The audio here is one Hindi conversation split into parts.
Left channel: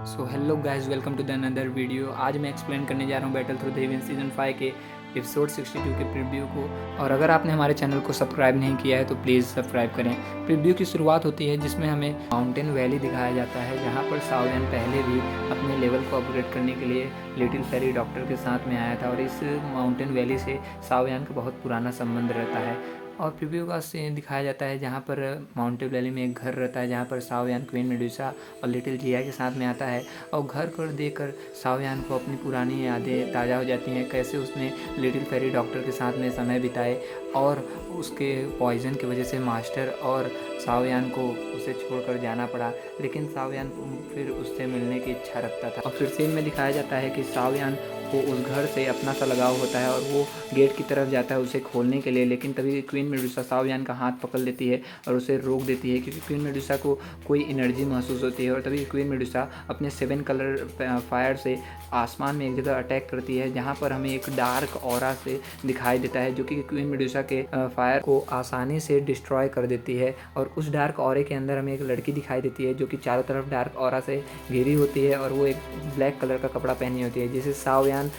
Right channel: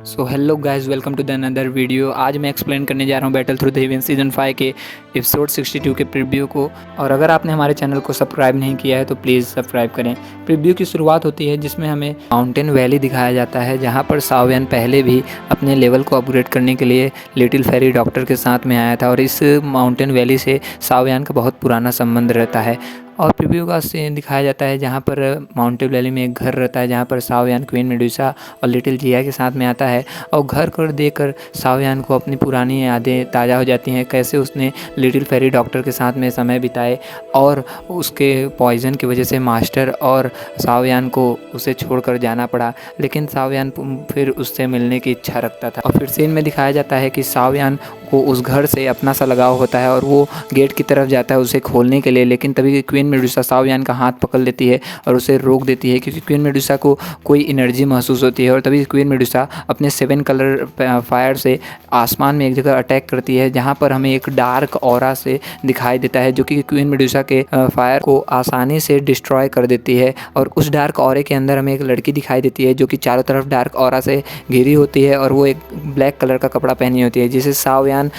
So hello guys, welcome to the another video. आज मैं एक्सप्लेन करने जा रहा हूँ Battle Through the Heaven season 5 के एपिसोड 62 के प्रीव्यू को। और अगर आपने हमारे चैनल को सब्सक्राइब नहीं किया है तो प्लीज़ सब्सक्राइब करें। प्रीव्यू की शुरुआत होती है जिसमें हमें माउंटेन वैली दिखाया जाता है, जहाँ पर सावियन पहले भी अपने लेवल को अपग्रेड करने के लिए लिटिल फेरी डॉक्टर के साथ में आया था। और इस माउंटेन वैली से सावियन का बहुत पुराना संबंध रहता है। और प्रीव्यू का सीन दिखाया जाता है जहाँ पर माउंटेन वैली में एक घर रहता है, जहाँ पर सावियन क्वीन मेडुसा और लिटिल जिया के साथ में आता है। और घर को देखकर सावियन को अपनी पुरानी यादें ताज़ा हो जाती हैं, कैसे उसने लिटिल फेरी डॉक्टर के साथ में समय बिताए और उसके पॉइज़न की वजह से मास्टर और सावियन को उसे छोड़कर जाना पड़ा। लेकिन सावियन फिर उससे मिलने की इच्छा रखता था। और फिर सीन में दिखाया जाता है कि सावियन को उस घर से अपना सा लगाव होता है और वो गेट की तरफ जाता है उसे खोलने के लिए। लेकिन तभी क्वीन मेडुसा सावियन का हाथ पकड़ लेती है और उसे रोक देती है, क्योंकि क्वीन मेडुसा को कोई एनर्जी महसूस होती है। और तभी क्वीन मेडुसा अपने 7 कलर फायर से आसमान में एक जगह अटैक करती है, जहाँ पर हमें एक डार्क ऑरा से दिखाई देता है, जो कि क्वीन मेडुसा के फायर को आसानी से डिस्ट्रॉय कर देती है। और उस डार्क ऑरे के अंदर हमें एक लड़की दिखाई देती है, जो कि चारों तरफ डार्क ऑरा से घिरी होती है और वो एक ब्लैक कलर का कपड़ा पहनी होती है, जिसे सावियन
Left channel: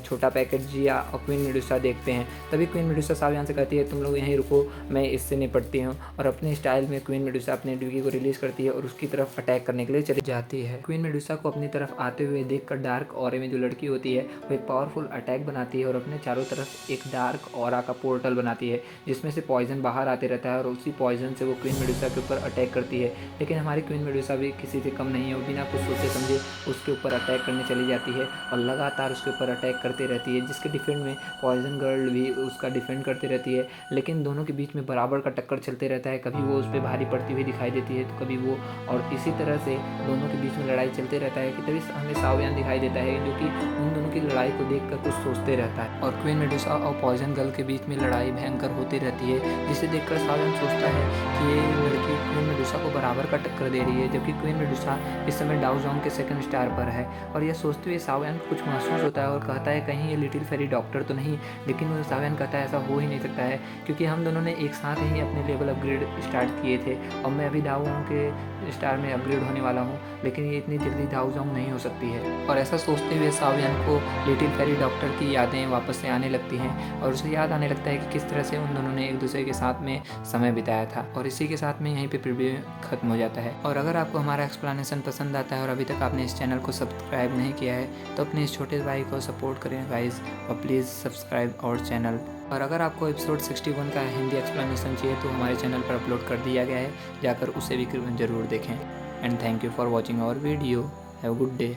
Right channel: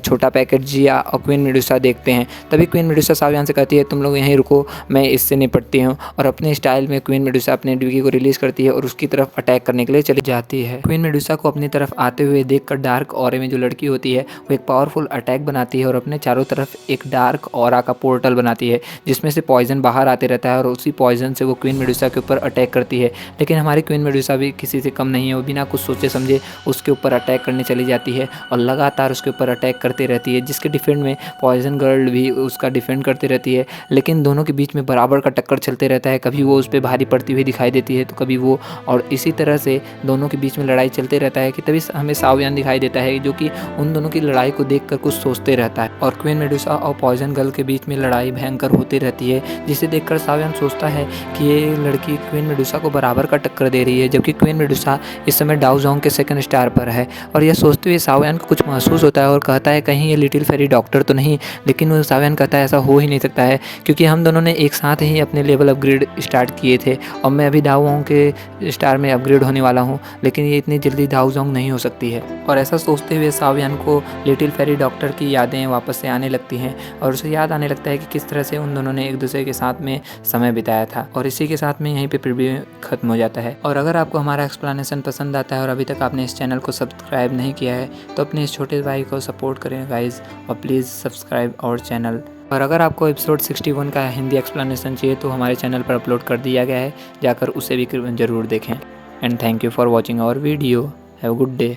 छोटा पैकेट जिया और क्वीन मेडुसा देखते हैं। तभी क्वीन मेडुसा सावियन से कहती है, तुम लोग यहीं रुको, मैं इससे निपटती हूँ। और अपने स्टाइल में क्वीन मेडुसा अपने ड्यूगी को रिलीज़ करती है और उसकी तरफ अटैक करने के लिए चली जाती है। क्वीन मेडुसा को अपनी तरफ आते हुए देखकर डार्क ऑरे में जो लड़की होती है वो एक पावरफुल अटैक बनाती है और अपने चारों तरफ एक डार्क ऑरा का पोर्टल बनाती है, जिसमें से पॉइजन बाहर आते रहता है और उसी पॉइजन से वो क्वीन मेडुसा के ऊपर अटैक करती है। लेकिन हमारी क्वीन मेडुसा भी किसी से कम नहीं है, वो बिना कुछ सोचे समझे उसके ऊपर अटैक करने चली जाती है और लगातार उसके ऊपर अटैक करती रहती है, जिसके डिफेंड में पॉइजन गर्ल भी उसका डिफेंड करती रहती है। लेकिन दोनों के बीच में बराबर का टक्कर चलते रहता है, कभी वो उस पर भारी पड़ती हुई दिखाई देती है तो कभी वो, और इसी तरह से दोनों के बीच में लड़ाई चलते रहता है कि तभी हमें सावियन दिखाई देता है, जो कि उन दोनों की लड़ाई को देखकर कुछ सोचते रहता है। और क्वीन मेडुसा और पॉइजन गर्ल के बीच में लड़ाई भयंकर होती रहती है, जिसे देखकर सावियन सोचता है कि ये लड़की क्वीन मेडुसा को बराबर का टक्कर दे रही है, जबकि क्वीन मेडुसा इस समय डाउजोंग के 2nd स्टार पर है। और यह सोचते हुए सावियन को कुछ महसूस होता है और कहता है, कहीं ये लिटिल फेरी डॉक्टर तो नहीं। लेकिन वो सावियन कहता है, ऐसा हो ही नहीं सकता है, क्योंकि हम दोनों ने एक साथ ही अपने लेवल अपग्रेड स्टार्ट किए थे और मैं अभी डाउजोंग के स्टार में अपग्रेड होने वाला हूँ, लेकिन ये इतनी जल्दी डाउजोंग नहीं हो सकती है। और ऐसा सोचते हुए सावियन को लिटिल फेरी डॉक्टर की यादें वापस से आने लगती हैं और उसे याद आने लगता है कि किस तरह से उन दोनों ने एक दूसरे के साथ में समय बिताया था। और इसी के साथ में यहीं पे प्रीव्यू खत्म हो जाता है। और अगर आपको हमारा एक्सप्लेनेशन पसंद आता है और अभी तक आपने इस चैनल को सब्सक्राइब नहीं किया है तो अपने इस छोटे भाई को सपोर्ट करें गाइज, और प्लीज़ सब्सक्राइब आवर चैनल। और अगर आपको एपिसोड 61 का हिंदी एक्सप्लेनेशन चाहिए तो हमारे चैनल पर अपलोड कर दिया गया है, जाकर उसे भी ज़रूर देखें। And thank you for watching our video. Have a good day.